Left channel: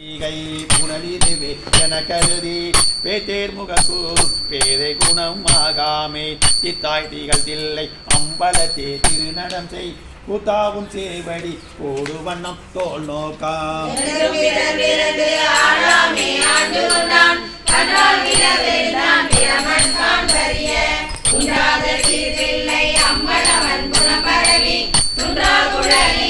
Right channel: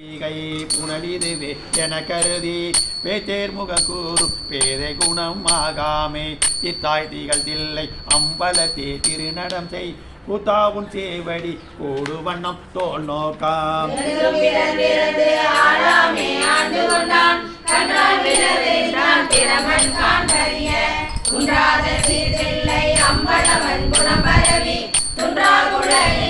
ஈகை புனலிதுவே என கருதி பேத்தேர் முகக்கூறு பேதை குணம் ஆகாமே. இத்தாய் திகழ் தில்லை அம்பலத்தே திருநடம் செய். கூத்தாவும் சேவடி கூடு வண்ணம் தோல் நோக்காம். பற்றி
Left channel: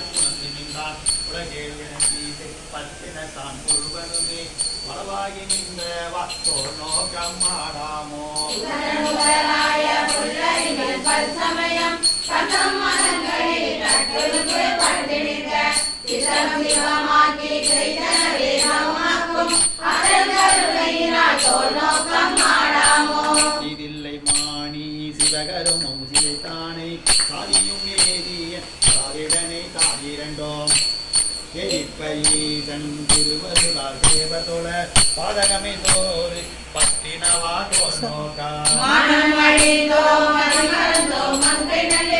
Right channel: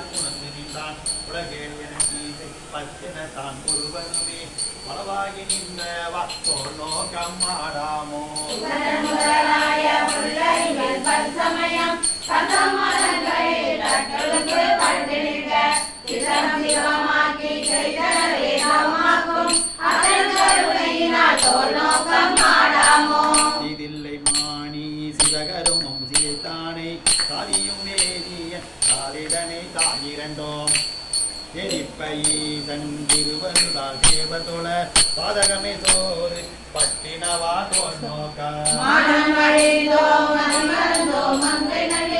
நின்றான் உலகே விளக்கீசை பத்தின தான் முழுவதுமே அளவாகி நின்ற வாக்கோ நோக்கம் ஆடாமோ தானே தாயும் சாதியும் நேரிய தாயிரண்டோம். எரிப்பையீசன் திருவருளால் தேவதொழ பாதகமே தோறு பட்டினவா தோல் நோக்கா என்னுடைய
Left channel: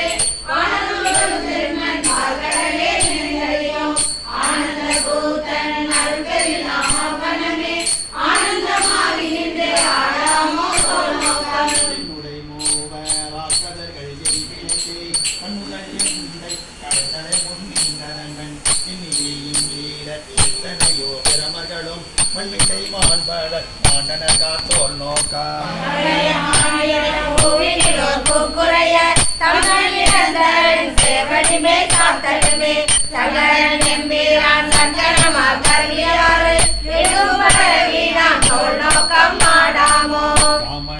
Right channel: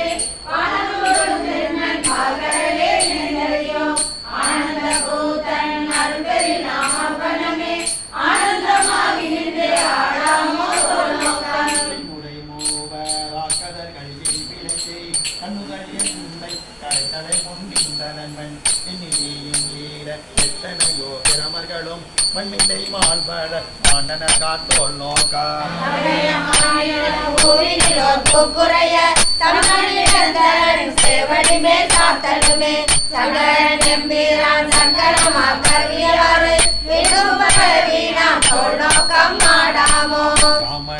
மூவராக்கதர்கள் எரிபிழைத்தே கண்ணுதல் எந்தை கடைத்தலை முன்னின்றனன் எத்தனையோ பிரமர்களும் மண்ணிலை மாண்பட மாண்டன காத்தோல் நோக்கா ராமன் உடல் உயிர் காலம்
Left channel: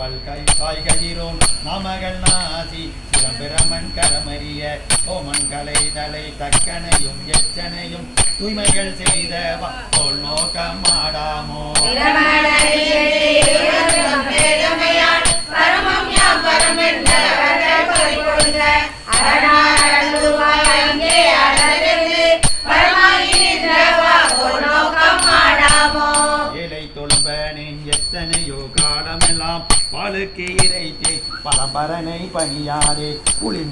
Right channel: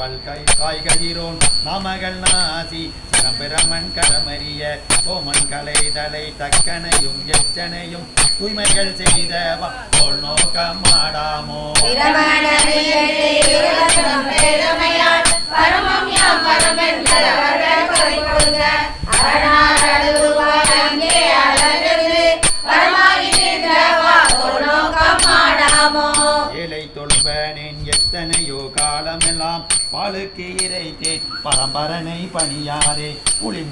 பல்கை காய்கதிரோன் நாமகள் நாசி சிதம்பரமன் கலமறிய ஓமன் கலை தலை தக்கனையும் எச்சனையும் தூய்மைகள் செய்த பரமென்ற நோக்கம் ஆடாமோ அரணா காலமெல்லாம் பாலுக்கு இறைத்தே பரம்பரனை பணியாரே புலி